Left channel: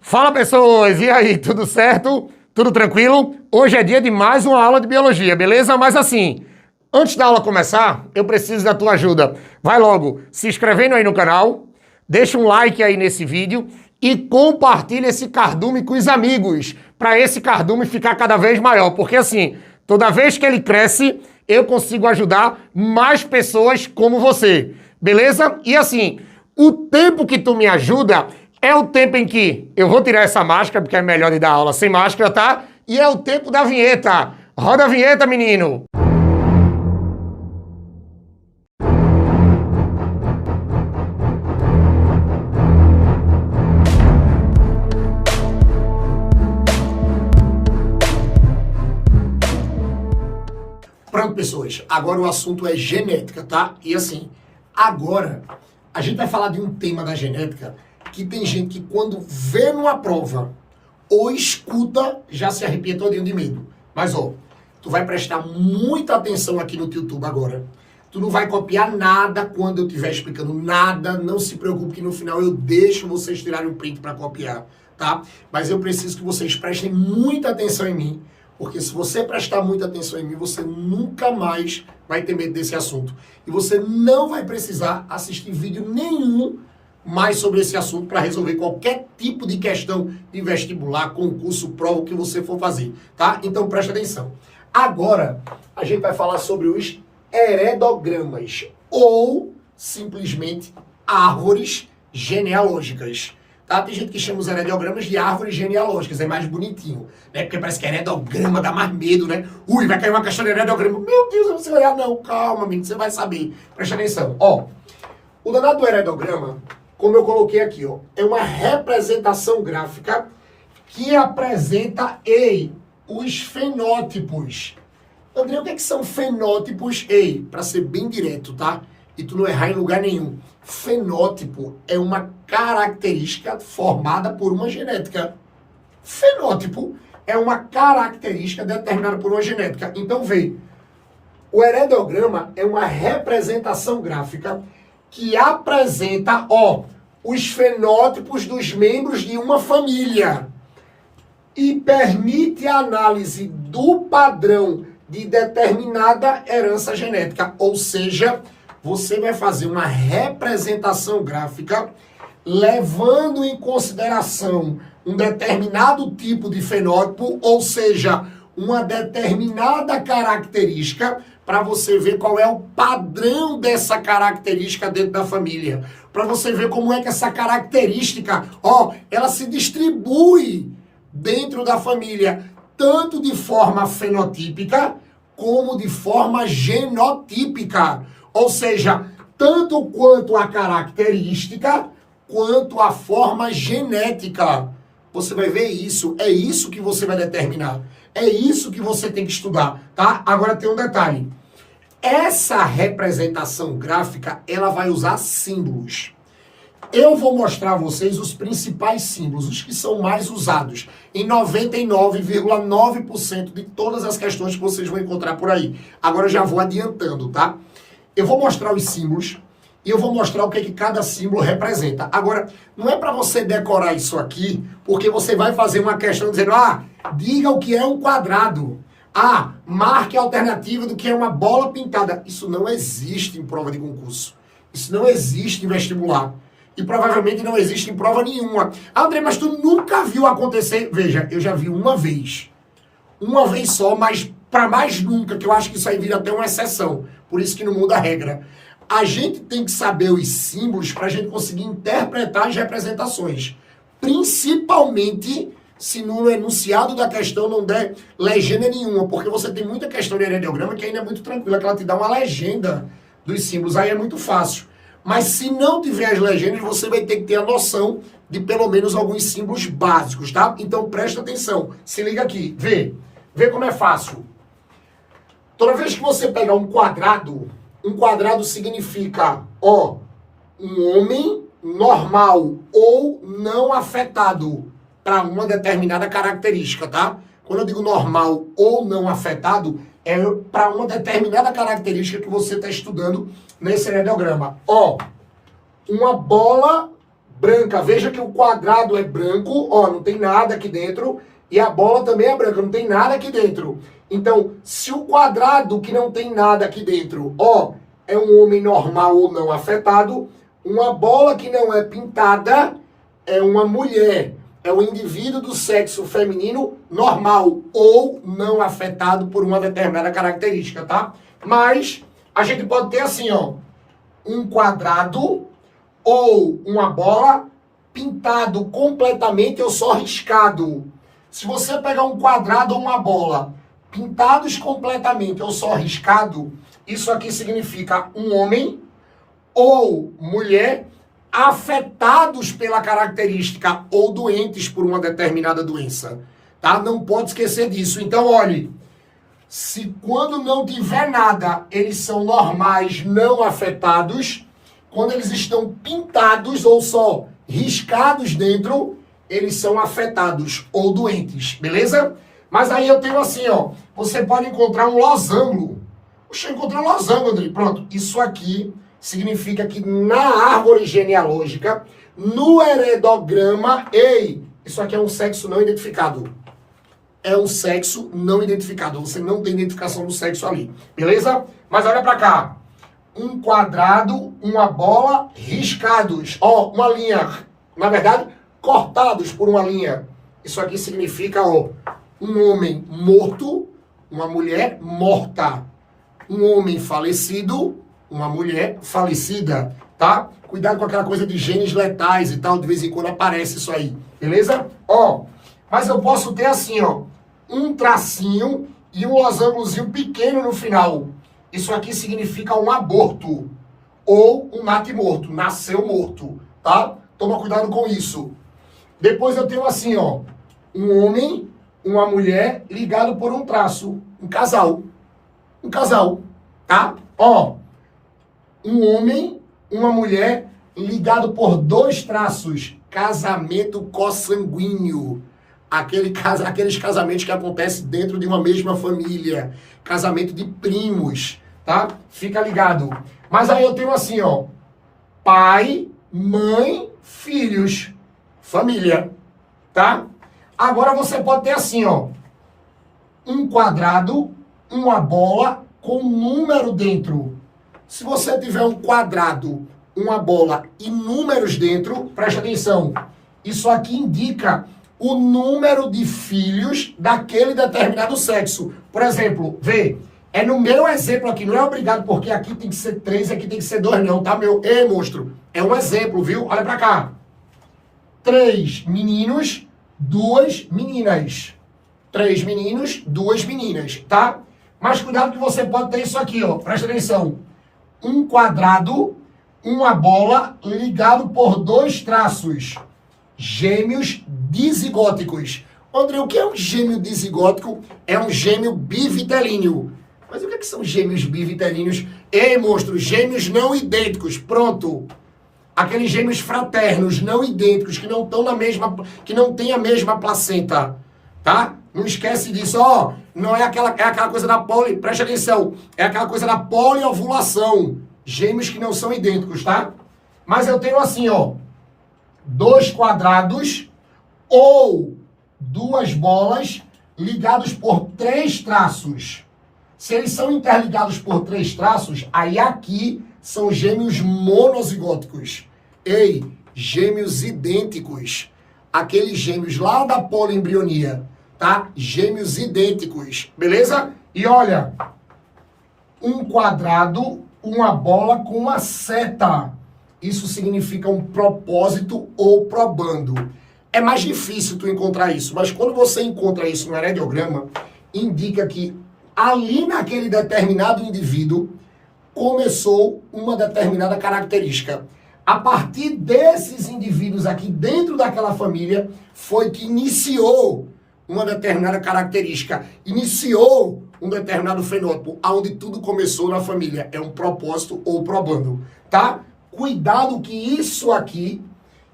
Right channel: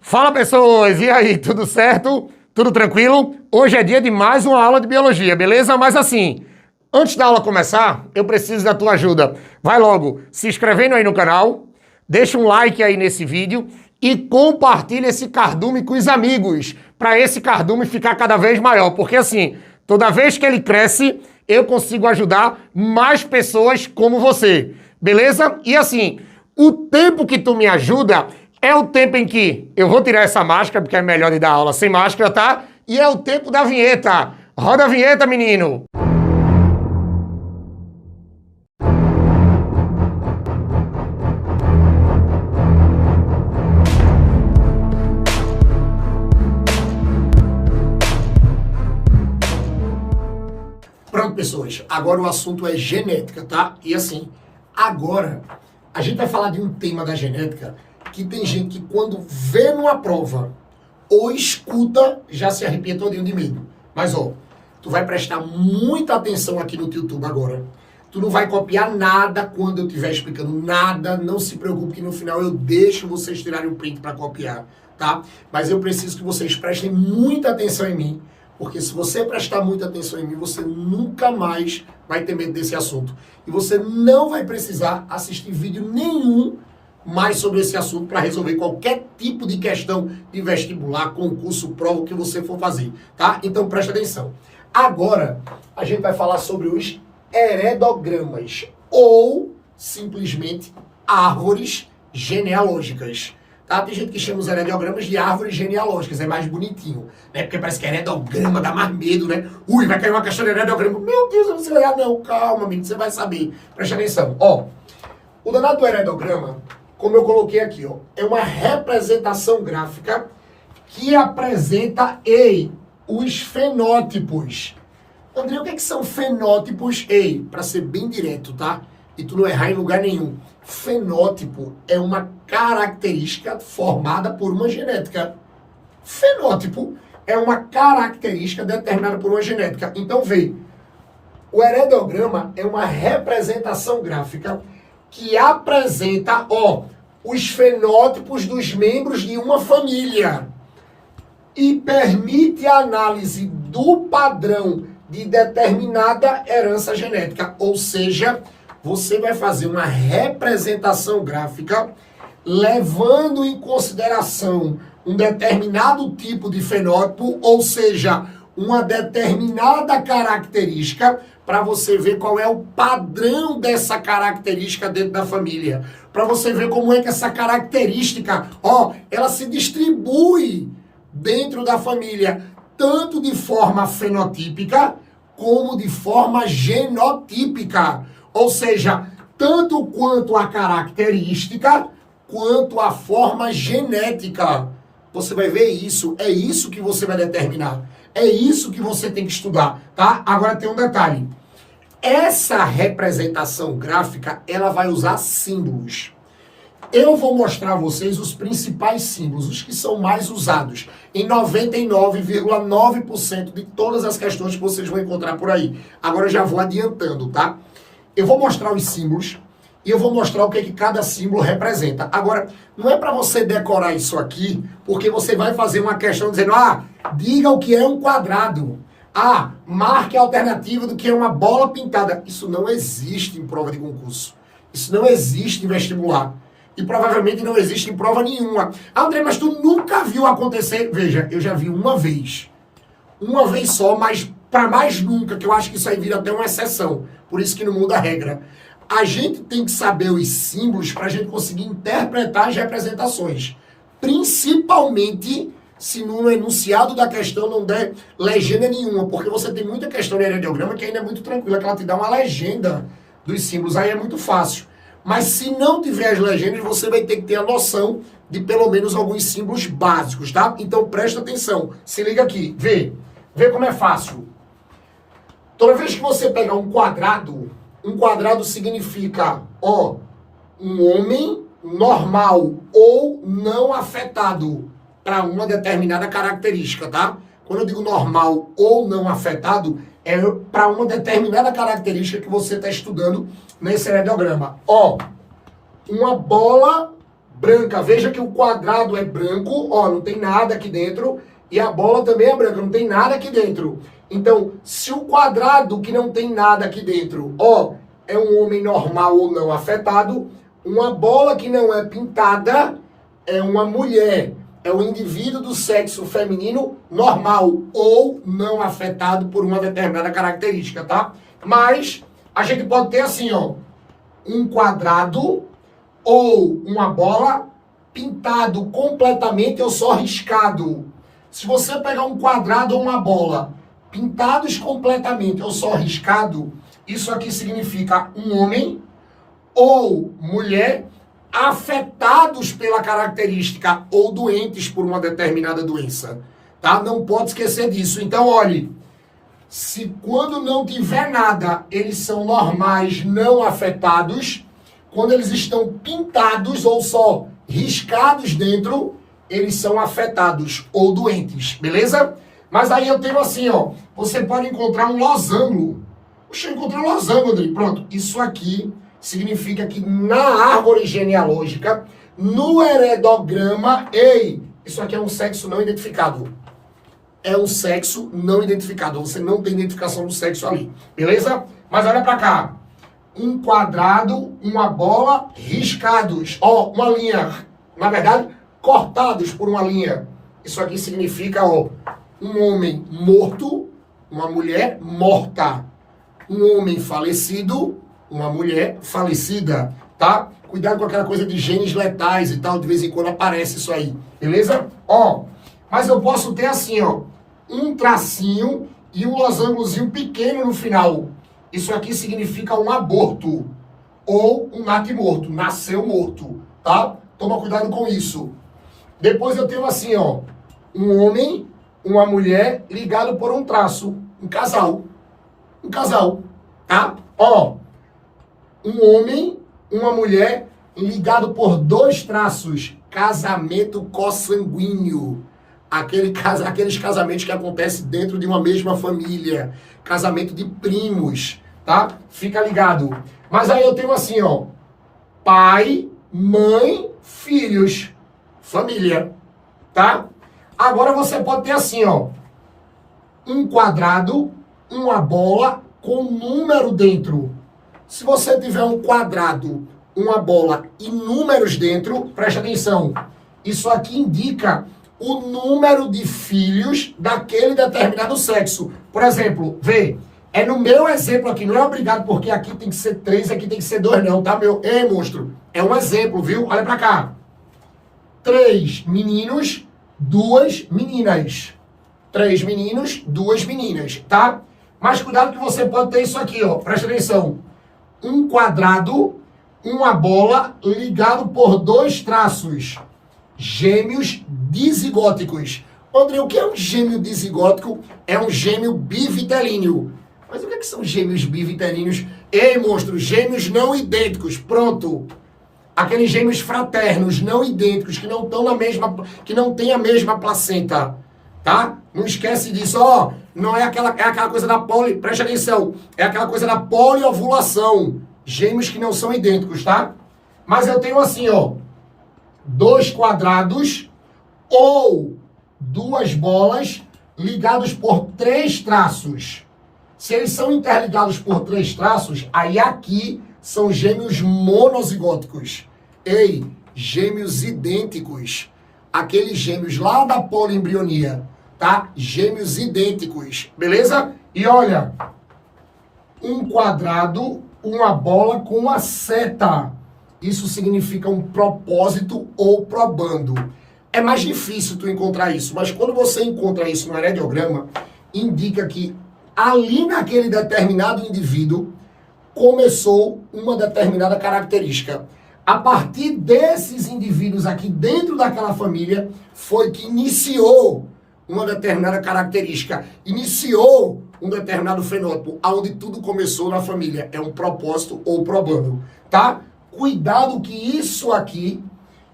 Fala, pessoas! E aí, tudo certo? Tudo tranquilo? Hoje é dia de mais uma aula de biologia, beleza? Mas assim, antes da aula começar, eu preciso da tua ajuda. Vai logo se inscrevendo aí no canal, deixa um like aí nesse vídeo e compartilha esse cardume com os amigos, para esse cardume ficar cada vez maior, porque assim, toda vez que ele cresce, eu consigo ajudar mais pessoas como você, beleza? E assim, o tempo que tu me ajuda é o tempo em que eu vou tirar essa máscara, porque é melhor de dar aula sem máscara, tá? E é o tempo da vinheta. Roda a vinheta, menino! Pronto, pessoas. Agora o assunto é genética, tá? E assim, agora a gente vai falar de um tema da genética que tem gente que quando vê numa prova ou escuta, já se arrepia todinho de medo. Mas, ó, tu vai prestar muita atenção aqui no YouTube agora. Tu não vai copiar nada quando eu estiver explicando nada. Não se preocupe que no final eu deixo vocês tirarem um print para copiar, tá? Mas eu preciso que vocês prestem muita atenção em mim, porque se você prestar muita atenção em mim, você nunca mais vai ter medo desse assunto. E você não vai precisar assistir vídeo nenhum mais sobre esse assunto para resolver qualquer tipo de questão de vestibular, concurso, prova, o que você for fazer, tá? Então presta atenção. Agora, a gente vai falar sobre os heredogramas, ou simplesmente árvores genealógicas. Tá? Tem gente que chama os heredogramas de árvores genealógicas, é mais bonitinho, né? Porque parece que heredograma dá mais medo, né? Ui, vai cair uma questão de heredograma. Meu Deus, eu não sei olhar, não. Calma, menino, você vai saber. Presta atenção. Ó, o danado do heredograma, como eu coloquei aqui, ó, é uma representação gráfica que apresenta, os fenótipos. André, o que são fenótipos? Para ser bem direto, tá? E tu não errar em lugar nenhum. Fenótipo é uma característica formada por uma genética. Fenótipo é uma característica determinada por uma genética. Então, vê, o heredograma é uma representação gráfica que apresenta, os fenótipos dos membros de uma família e permite a análise do padrão de determinada herança genética. Ou seja, você vai fazer uma representação gráfica levando em consideração um determinado tipo de fenótipo, ou seja, uma determinada característica, para você ver qual é o padrão dessa característica dentro da família. Para você ver como é que essa característica, ela se distribui dentro da família, tanto de forma fenotípica, como de forma genotípica. Ou seja, tanto quanto a característica, quanto a forma genética. Você vai ver isso, é isso que você vai determinar. É isso que você tem que estudar, tá? Agora tem um detalhe. Essa representação gráfica, ela vai usar símbolos. Eu vou mostrar a vocês os principais símbolos, os que são mais usados em 99,9% de todas as questões que vocês vão encontrar por aí. Agora eu já vou adiantando, tá? Eu vou mostrar os símbolos e eu vou mostrar o que cada símbolo representa. Agora, não é para você decorar isso aqui, porque você vai fazer uma questão dizendo, diga o que é um quadrado. Marque a alternativa do que é uma bola pintada. Isso não existe em prova de concurso. Isso não existe em vestibular. E provavelmente não existe em prova nenhuma. André, mas tu nunca viu acontecer? Veja, eu já vi uma vez. Uma vez só, mas para mais nunca, que eu acho que isso aí vira até uma exceção. Por isso que não muda a regra. A gente tem que saber os símbolos para a gente conseguir interpretar as representações. Principalmente se no enunciado da questão não der legenda nenhuma. Porque você tem muita questão de heredograma que ainda é muito tranquila, que ela te dá uma legenda dos símbolos. Aí é muito fácil. Mas se não tiver as legendas, você vai ter que ter a noção de pelo menos alguns símbolos básicos, tá? Então presta atenção. Se liga aqui. Vê como é fácil. Toda vez que você pegar um quadrado significa, um homem normal ou não afetado para uma determinada característica, tá? Quando eu digo normal ou não afetado, é para uma determinada característica que você está estudando nesse heredograma. Uma bola branca. Veja que o quadrado é branco, ó, não tem nada aqui dentro, e a bola também é branca, não tem nada aqui dentro. Então, se o quadrado que não tem nada aqui dentro, ó, é um homem normal ou não afetado, uma bola que não é pintada é uma mulher, é um indivíduo do sexo feminino normal ou não afetado por uma determinada característica, tá? Mas a gente pode ter assim, ó, um quadrado ou uma bola pintado completamente ou só riscado. Se você pegar um quadrado ou uma bola pintados completamente ou só riscado, isso aqui significa um homem ou mulher afetados pela característica ou doentes por uma determinada doença, tá? Não pode esquecer disso. Então, olhe, se quando não tiver nada, eles são normais, não afetados. Quando eles estão pintados ou só riscados dentro, eles são afetados ou doentes, beleza? Mas aí eu tenho assim, ó, você pode encontrar um losango. Puxa, eu encontrei um losango, André. Pronto, isso aqui significa que na árvore genealógica, no heredograma, isso aqui é um sexo não identificado. É um sexo não identificado. Você não tem identificação do sexo ali, beleza? Mas olha pra cá. Um quadrado, uma bola, riscados. Ó, uma linha, na verdade, cortados por uma linha. Isso aqui significa, ó, um homem morto, uma mulher morta. Um homem falecido, uma mulher falecida, tá? Cuidado com aquela coisa de genes letais e tal, de vez em quando aparece isso aí, beleza? Ó, mas eu posso ter assim, ó, um tracinho e um losangozinho pequeno no final. Isso aqui significa um aborto ou um natimorto, nasceu morto, tá? Toma cuidado com isso. Depois eu tenho assim, ó, um homem, uma mulher ligado por um traço, um casal, tá? Ó, um homem, uma mulher ligado por dois traços, casamento consanguíneo. Aqueles casamentos que acontecem dentro de uma mesma família, casamento de primos, tá? Fica ligado. Mas aí eu tenho assim, ó, pai, mãe, filhos, família, tá? Agora você pode ter assim, ó, um quadrado, uma bola com número dentro. Se você tiver um quadrado, uma bola e números dentro, preste atenção, isso aqui indica o número de filhos daquele determinado sexo. Por exemplo, vê, é no meu exemplo aqui, não é obrigado, porque aqui tem que ser 3, aqui tem que ser 2 não, tá, meu? Ei, monstro, é um exemplo, viu? Olha pra cá. 3 meninos, 2 meninas. 3 meninos, 2 meninas, tá? Mas cuidado que você pode ter isso aqui, ó, presta atenção. Um quadrado, uma bola ligado por 2 traços. Gêmeos dizigóticos. André, o que é um gêmeo dizigótico? É um gêmeo bivitelíneo. Mas o que são gêmeos bivitelíneos? Ei, monstro, gêmeos não idênticos. Pronto. Aqueles gêmeos fraternos, não idênticos, que não estão na mesma, que não têm a mesma placenta, tá? Não esquece disso, ó. Não é aquela coisa da preste atenção, é aquela coisa da poliovulação. Gêmeos que não são idênticos, tá? Mas eu tenho assim, ó, 2 quadrados ou 2 bolas ligados por 3 traços. Se eles são interligados por 3 traços, aí aqui são gêmeos monozigóticos. Ei, gêmeos idênticos. Aqueles gêmeos lá da poliembrionia, tá? Gêmeos idênticos, beleza? E olha, um quadrado, uma bola com uma seta. Isso significa um propósito ou probando. É mais difícil tu encontrar isso, mas quando você encontra isso no heredograma, indica que ali naquele determinado indivíduo começou uma determinada característica. A partir desses indivíduos aqui dentro daquela família foi que iniciou uma determinada característica, iniciou um determinado fenótipo, aonde tudo começou na família. É um propósito ou probando, tá? Cuidado que isso aqui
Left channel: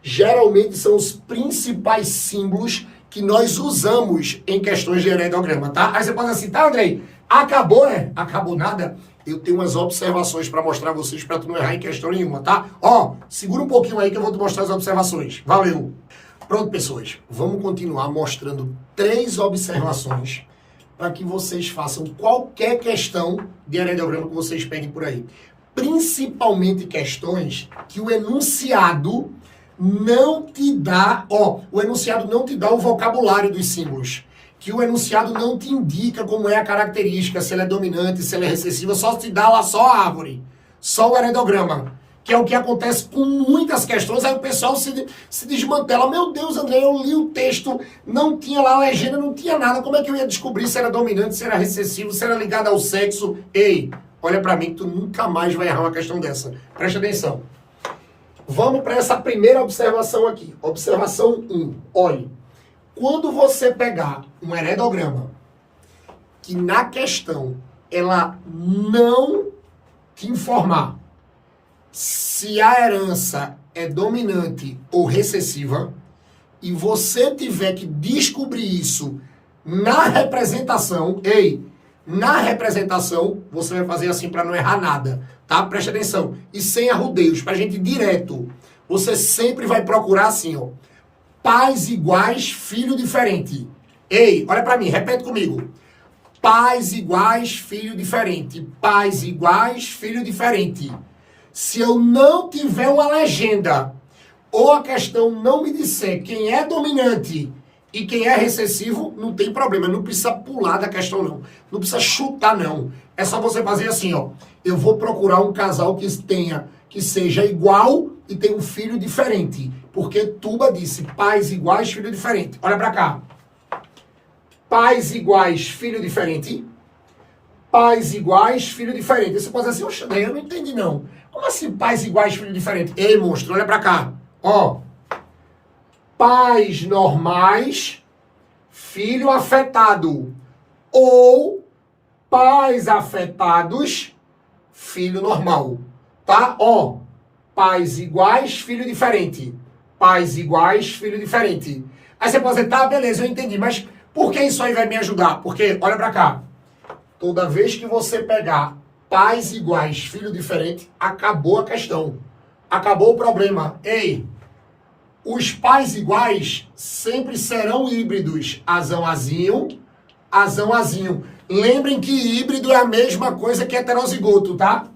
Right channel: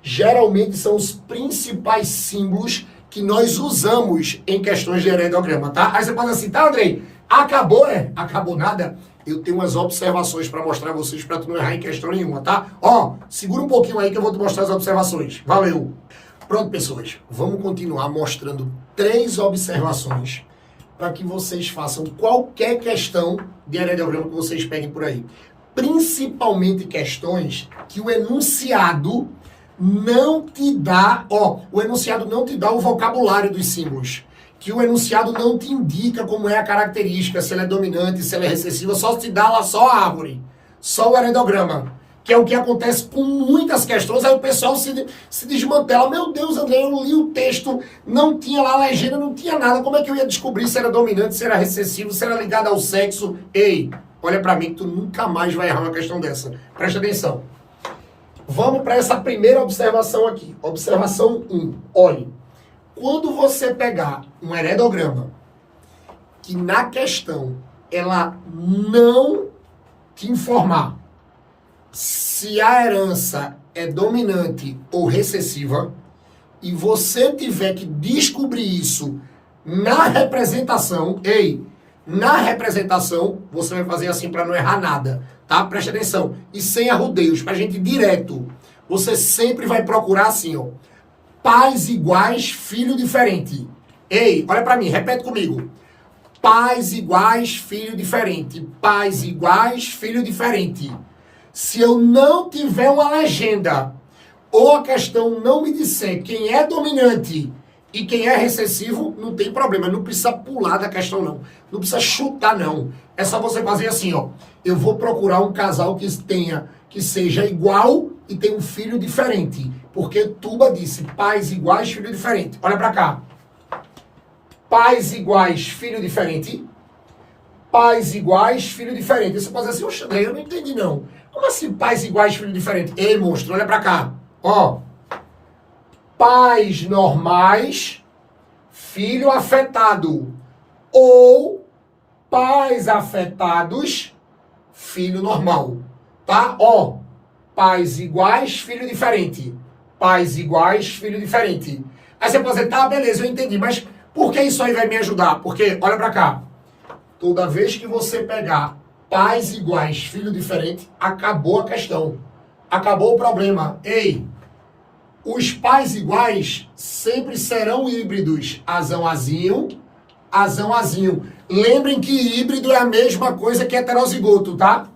geralmente são os principais símbolos que nós usamos em questões de heredograma, tá? Aí você fala assim, tá, Andrei, acabou, Acabou nada. eu tenho umas observações para mostrar a vocês, para tu não errar em questão nenhuma, tá? Ó, segura um pouquinho aí que eu vou te mostrar as observações. Valeu! Pronto, pessoas, vamos continuar mostrando 3 observações para que vocês façam qualquer questão de aerodiagrama que vocês peguem por aí. Principalmente questões que o enunciado não te dá, o enunciado não te dá o vocabulário dos símbolos, que o enunciado não te indica como é a característica, se ela é dominante, se ela é recessiva, só te dá lá só a árvore, só o aerodiagrama, que é o que acontece com muitas questões, aí o pessoal se desmantela. Meu Deus, André, eu li o texto, não tinha lá a legenda, não tinha nada, como é que eu ia descobrir se era dominante, se era recessivo, se era ligado ao sexo? Ei, olha pra mim que tu nunca mais vai errar uma questão dessa. Presta atenção. Vamos para essa primeira observação aqui. Observação 1. Olhe, quando você pegar um heredograma que na questão ela não te informar se a herança é dominante ou recessiva e você tiver que descobrir isso na representação, na representação, você vai fazer assim para não errar nada, tá? Preste atenção. E sem arrudeios, pra gente ir direto. Você sempre vai procurar assim, ó. Pais iguais, filho diferente. Ei, olha pra mim, repete comigo. Pais iguais, filho diferente. Pais iguais, filho diferente. Se eu não tiver uma legenda, ou a questão não me disser quem é dominante e quem é recessivo, não tem problema. Não precisa pular da questão, não. Não precisa chutar, não. É só você fazer assim, ó. Eu vou procurar um casal que seja igual e tenha um filho diferente. Porque Tuba disse, pais iguais, filho diferente. Olha pra cá. Pais iguais, filho diferente. Pais iguais, filho diferente. Você pode dizer assim, oxe, eu não entendi, não. Como assim pais iguais, filho diferente? Ei, monstro, olha pra cá. Ó. Pais normais, filho afetado. Ou pais afetados, filho normal. Tá? Ó. Pais iguais, filho diferente. Pais iguais, filho diferente. Aí você pode dizer, tá, beleza, eu entendi, mas por que isso aí vai me ajudar? Porque, olha pra cá. Toda vez que você pegar pais iguais, filho diferente, acabou a questão. Acabou o problema. Ei, os pais iguais sempre serão híbridos. Azão, azinho, azão, azinho. Lembrem que híbrido é a mesma coisa que heterozigoto, tá?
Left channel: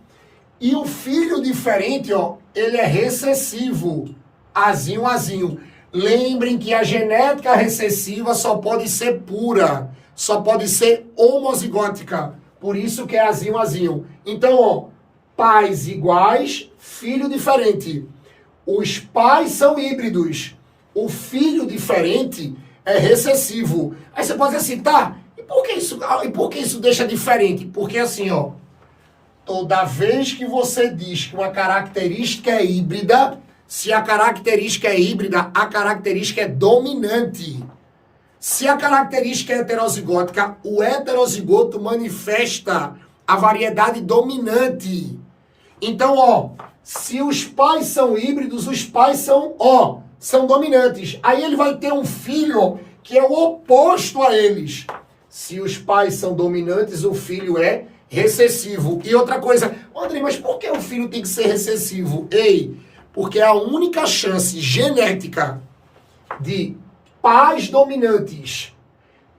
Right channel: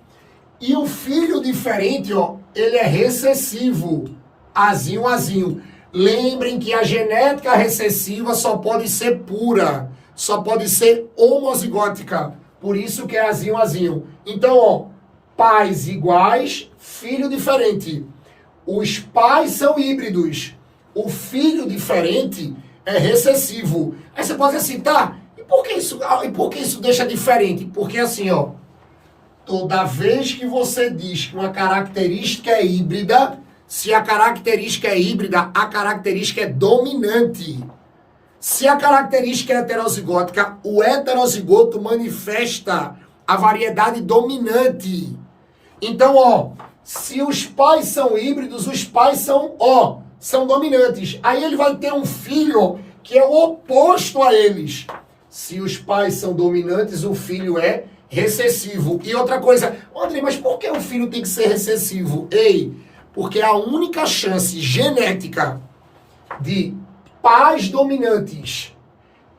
E o filho diferente, ó, ele é recessivo. Azinho, azinho. Lembrem que a genética recessiva só pode ser pura. Só pode ser homozigótica. Por isso que é azinho, azinho. Então, ó, pais iguais, filho diferente. Os pais são híbridos. O filho diferente é recessivo. Aí você pode dizer assim, tá, e por que isso deixa diferente? Porque assim, ó, toda vez que você diz que uma característica é híbrida, se a característica é híbrida, a característica é dominante. Se a característica é heterozigótica, o heterozigoto manifesta a variedade dominante. Então, ó, se os pais são híbridos, os pais são dominantes. Aí ele vai ter um filho que é o oposto a eles. Se os pais são dominantes, o filho é recessivo. E outra coisa, André, mas por que o filho tem que ser recessivo? Ei, porque a única chance genética de pais dominantes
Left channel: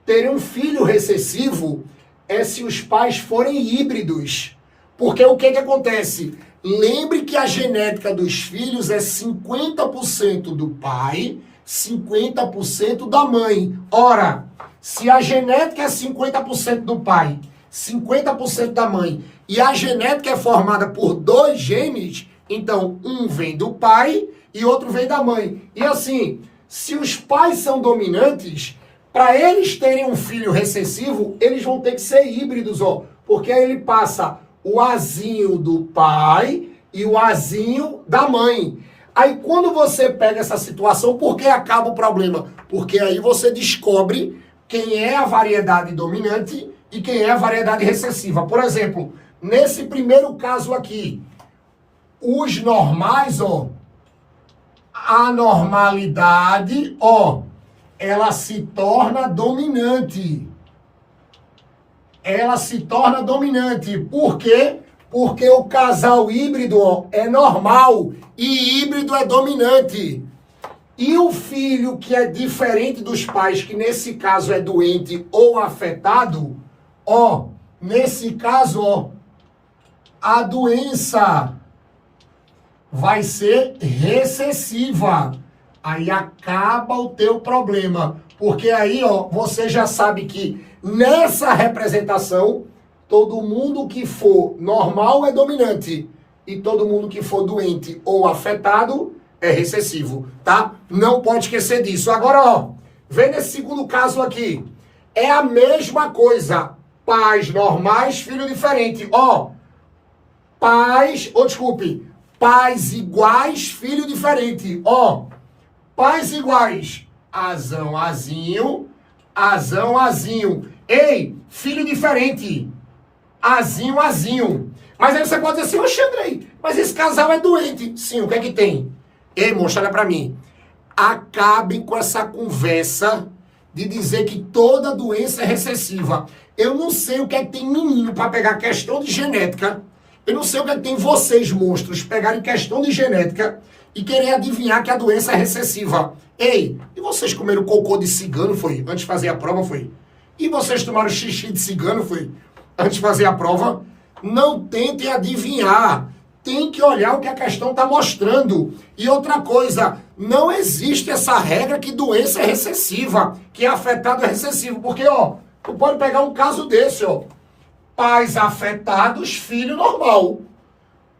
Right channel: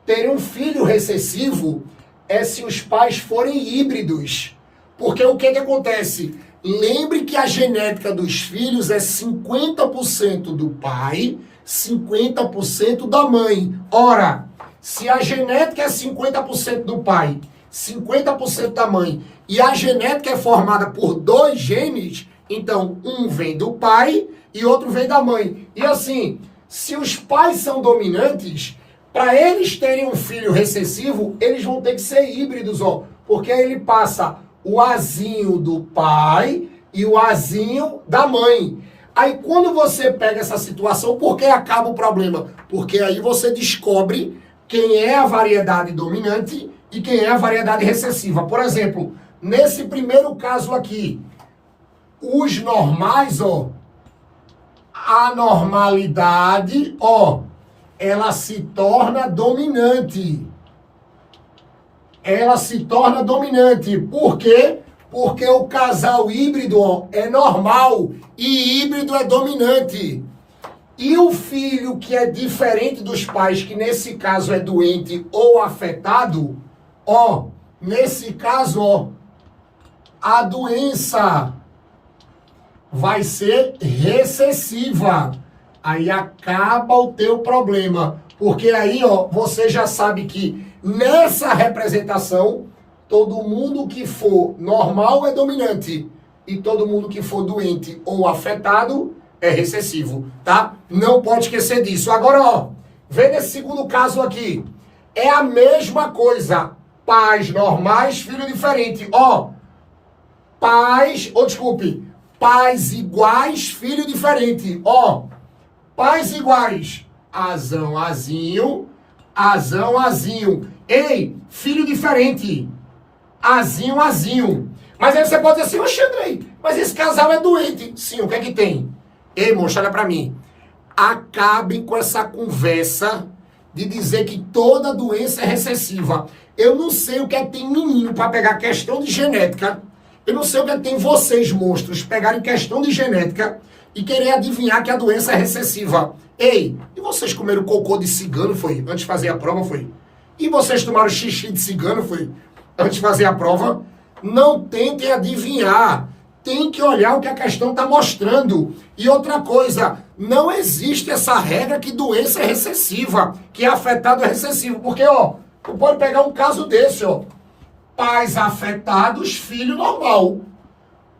terem um filho recessivo é se os pais forem híbridos. Porque o que acontece? Lembre que a genética dos filhos é 50% do pai, 50% da mãe. Ora, se a genética é 50% do pai, 50% da mãe, e a genética é formada por 2 genes, então um vem do pai e outro vem da mãe. E assim, se os pais são dominantes, para eles terem um filho recessivo, eles vão ter que ser híbridos, ó, porque ele passa o azinho do pai e o azinho da mãe. Aí quando você pega essa situação, por que acaba o problema? Porque aí você descobre quem é a variedade dominante e quem é a variedade recessiva. Por exemplo, nesse primeiro caso aqui, os normais, ó, a normalidade, ó, ela se torna dominante. ela se torna dominante. Por quê? Porque o casal híbrido, ó, é normal e híbrido é dominante. E o filho que é diferente dos pais, que nesse caso é doente ou afetado, ó, nesse caso, ó, a doença vai ser recessiva. Aí acaba o teu problema. Porque aí, ó, você já sabe que nessa representação, todo mundo que for normal é dominante. E todo mundo que for doente ou afetado é recessivo, tá? Não pode esquecer disso. Agora, ó, vê nesse segundo caso aqui. É a mesma coisa. Pais normais, filho diferente. Ó, pais iguais, filho diferente. Ó, pais iguais. Azão, azinho, azão, azinho. Ei, filho diferente. Azinho, azinho. Mas aí você pode dizer assim, oxe, Andrei, mas esse casal é doente. Sim, o que é que tem? Ei, moça, olha pra mim. Acabem com essa conversa de dizer que toda doença é recessiva. Eu não sei o que é que tem menino pra pegar questão de genética. Eu não sei o que é que tem vocês, monstros, pegarem questão de genética e querer adivinhar que a doença é recessiva. Ei, e vocês comeram cocô de cigano, foi? Antes de fazer a prova, foi? E vocês tomaram xixi de cigano, foi? Antes de fazer a prova? Não tentem adivinhar. Tem que olhar o que a questão está mostrando. E outra coisa, não existe essa regra que doença é recessiva, que afetado é recessivo. Porque, ó, tu pode pegar um caso desse, ó. Pais afetados, filho normal.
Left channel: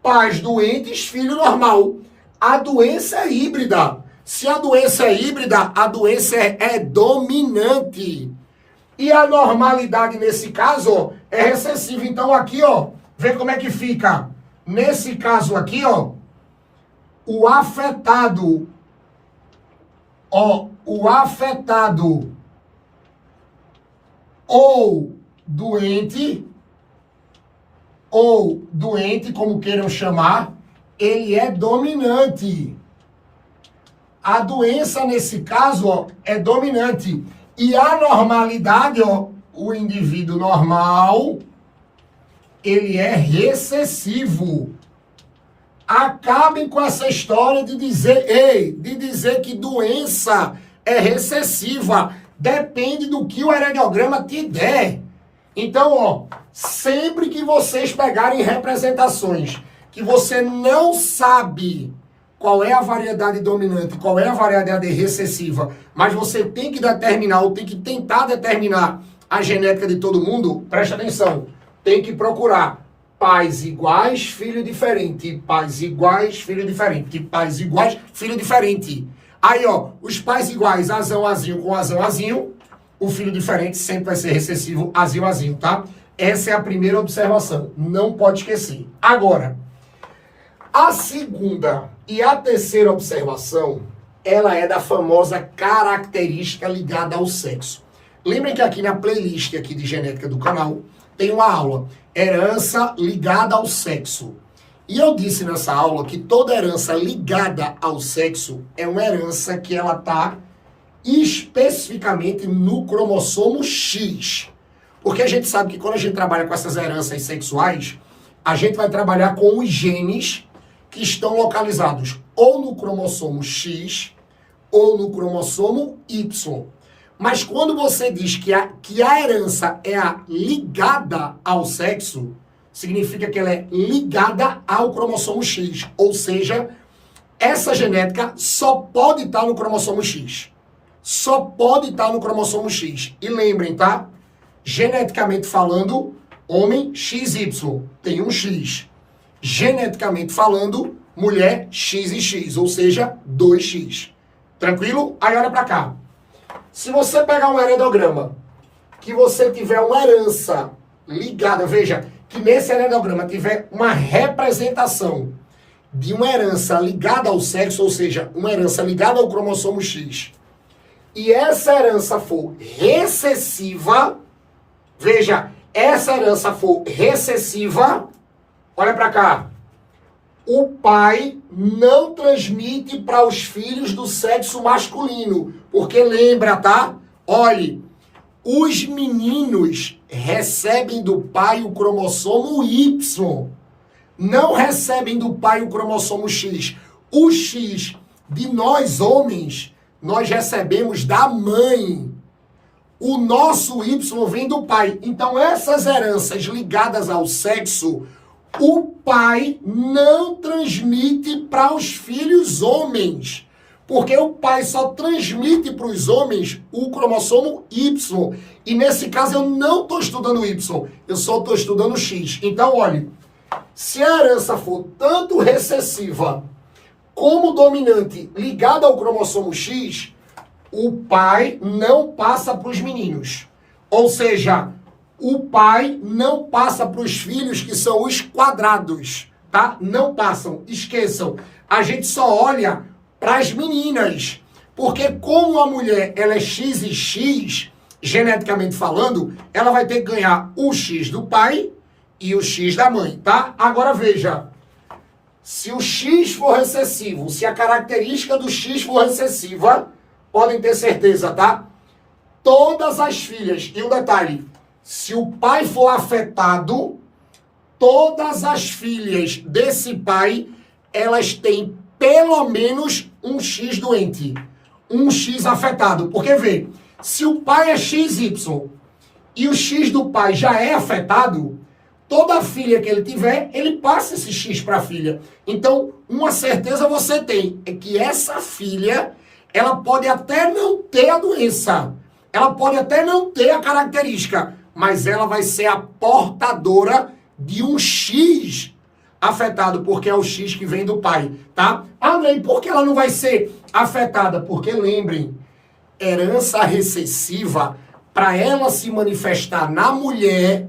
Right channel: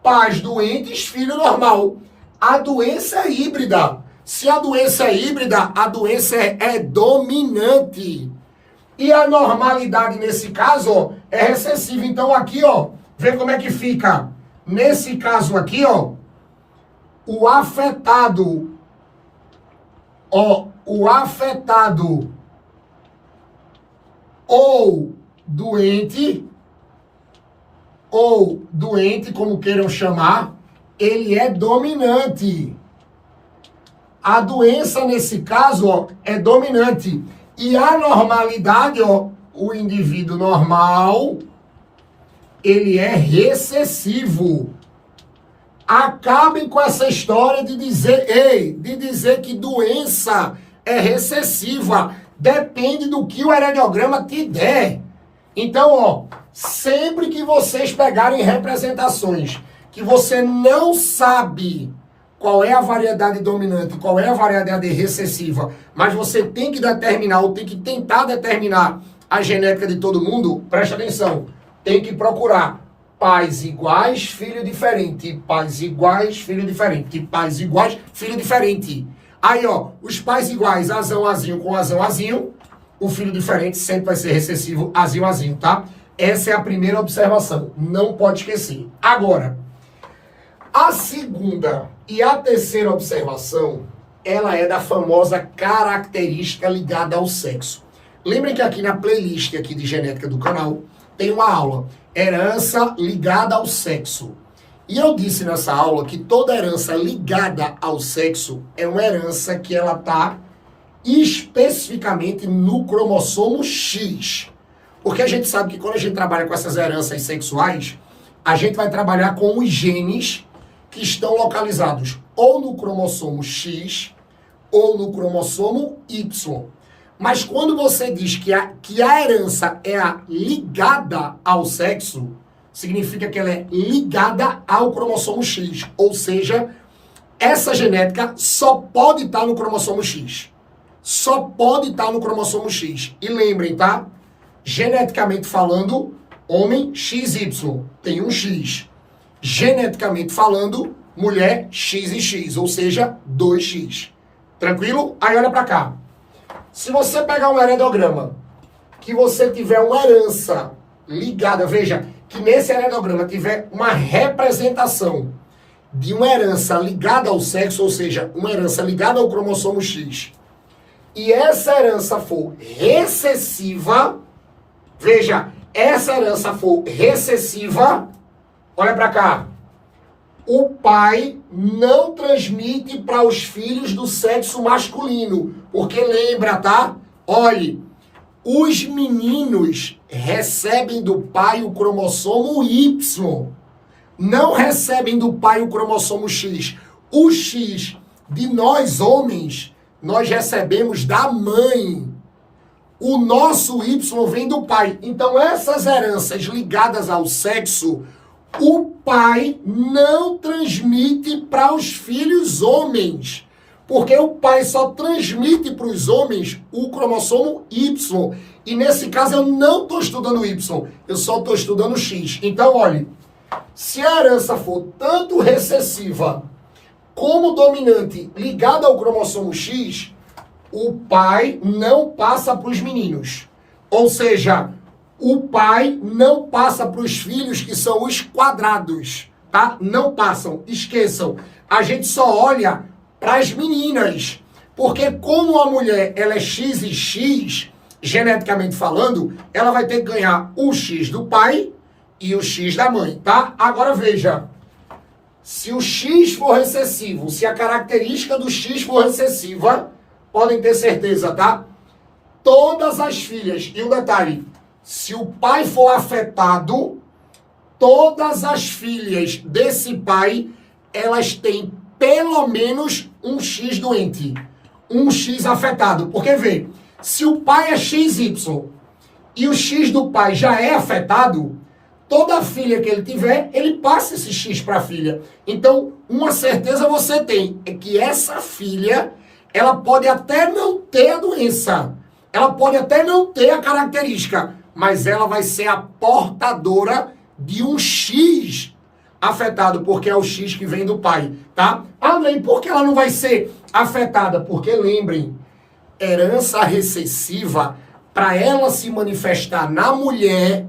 Pais doentes, filho normal. A doença é híbrida. Se a doença é híbrida, a doença é dominante. E a normalidade nesse caso, ó, é recessiva. Então aqui, ó, vê como é que fica. Nesse caso aqui, ó, o afetado ou doente, como queiram chamar, ele é dominante. A doença, nesse caso, ó, é dominante. E a normalidade, ó, o indivíduo normal, ele é recessivo. Acabem com essa história de dizer que doença é recessiva. Depende do que o heredograma te der. Então, ó, sempre que vocês pegarem representações que você não sabe qual é a variedade dominante, qual é a variedade recessiva, mas você tem que determinar, ou tem que tentar determinar a genética de todo mundo, presta atenção, tem que procurar pais iguais, filho diferente, pais iguais, filho diferente, pais iguais, filho diferente. Aí, ó, os pais iguais, azão, azinho com azão, azinho, o filho diferente sempre vai ser recessivo, azinho, azinho, tá? Essa é a primeira observação, não pode esquecer. Agora, a segunda e a terceira observação, ela é da famosa característica ligada ao sexo. Lembrem que aqui na playlist aqui de genética do canal, tem uma aula, herança ligada ao sexo. E eu disse nessa aula que toda herança ligada ao sexo é uma herança que ela está especificamente no cromossomo X. Porque a gente sabe que quando a gente trabalha com essas heranças sexuais, a gente vai trabalhar com os genes que estão localizados ou no cromossomo X ou no cromossomo Y. Mas quando você diz que a herança é ligada ao sexo, significa que ela é ligada ao cromossomo X. Ou seja, essa genética só pode estar no cromossomo X. Só pode estar no cromossomo X. E lembrem, tá? Geneticamente falando, homem XY tem um X. Geneticamente falando, mulher X e X, ou seja, 2X. Tranquilo? Aí olha pra cá. Se você pegar um heredograma, que você tiver uma herança ligada, veja, que nesse heredograma tiver uma representação de uma herança ligada ao sexo, ou seja, uma herança ligada ao cromossomo X, e essa herança for recessiva, veja, essa herança for recessiva, olha pra cá, o pai não transmite para os filhos do sexo masculino. Porque lembra, tá? Olhe, Os meninos recebem do pai o cromossomo Y. Não recebem do pai o cromossomo X. O X de nós homens, nós recebemos da mãe. O nosso Y vem do pai. Então, essas heranças ligadas ao sexo, o pai não transmite para os filhos homens. Porque o pai só transmite para os homens o cromossomo Y. E nesse caso eu não estou estudando o Y, eu só estou estudando o X. Então, olhe, se a herança for tanto recessiva como dominante ligada ao cromossomo X, o pai não passa para os meninos. Ou seja, o pai não passa para os filhos que são os quadrados, tá? Não passam, esqueçam. A gente só olha para as meninas, porque como a mulher ela é X e X, geneticamente falando, ela vai ter que ganhar o X do pai e o X da mãe, tá? Agora veja, se o X for recessivo, se a característica do X for recessiva, podem ter certeza, tá? Todas as filhas, e um detalhe, se o pai for afetado, todas as filhas desse pai, elas têm pelo menos um X doente, um X afetado. Porque, vê, se o pai é XY e o X do pai já é afetado, toda filha que ele tiver, ele passa esse X para a filha. Então, uma certeza você tem, é que essa filha, ela pode até não ter a doença, ela pode até não ter a característica, mas ela vai ser a portadora de um X afetado, porque é o X que vem do pai, tá? André, e por que ela não vai ser afetada? Porque, lembrem, herança recessiva, para ela se manifestar na mulher,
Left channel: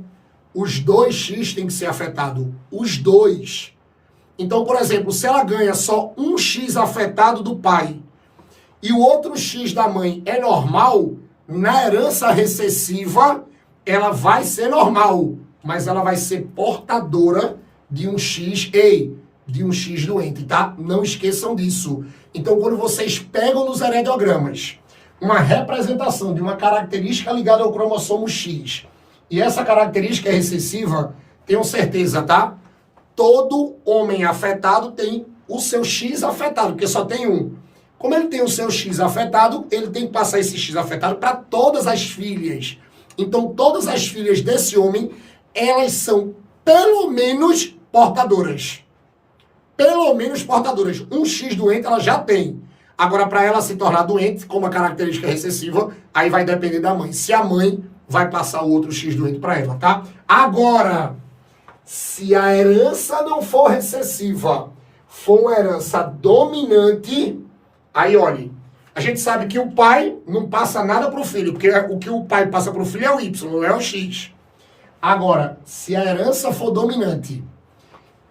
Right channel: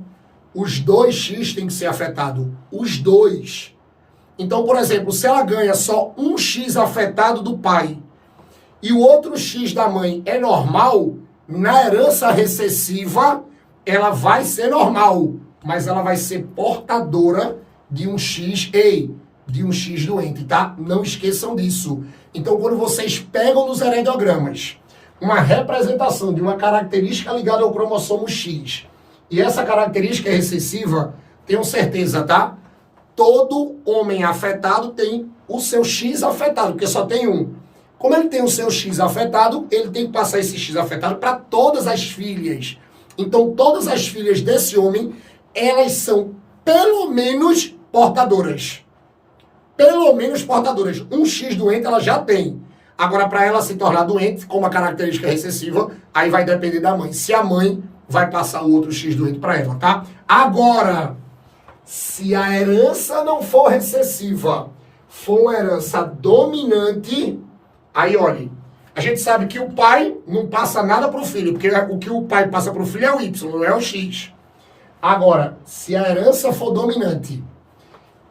os dois X têm que ser afetados. Os dois. Então, por exemplo, se ela ganha só um X afetado do pai e o outro X da mãe é normal, na herança recessiva, ela vai ser normal, mas ela vai ser portadora de um X, de um X doente, tá? Não esqueçam disso. Então, quando vocês pegam nos heredogramas uma representação de uma característica ligada ao cromossomo X, e essa característica é recessiva, tenham certeza, tá? Todo homem afetado tem o seu X afetado, porque só tem um. Como ele tem o seu X afetado, ele tem que passar esse X afetado para todas as filhas. Então, todas as filhas desse homem, elas são pelo menos portadoras. Pelo menos portadoras. Um X doente ela já tem. Agora, para ela se tornar doente, com uma característica recessiva, aí vai depender da mãe. Se a mãe vai passar o outro X doente para ela, tá? Agora, se a herança não for recessiva, for uma herança dominante, aí, olha, a gente sabe que o pai não passa nada para o filho, porque o que o pai passa para o filho é o Y, não é o X. Agora, se a herança for dominante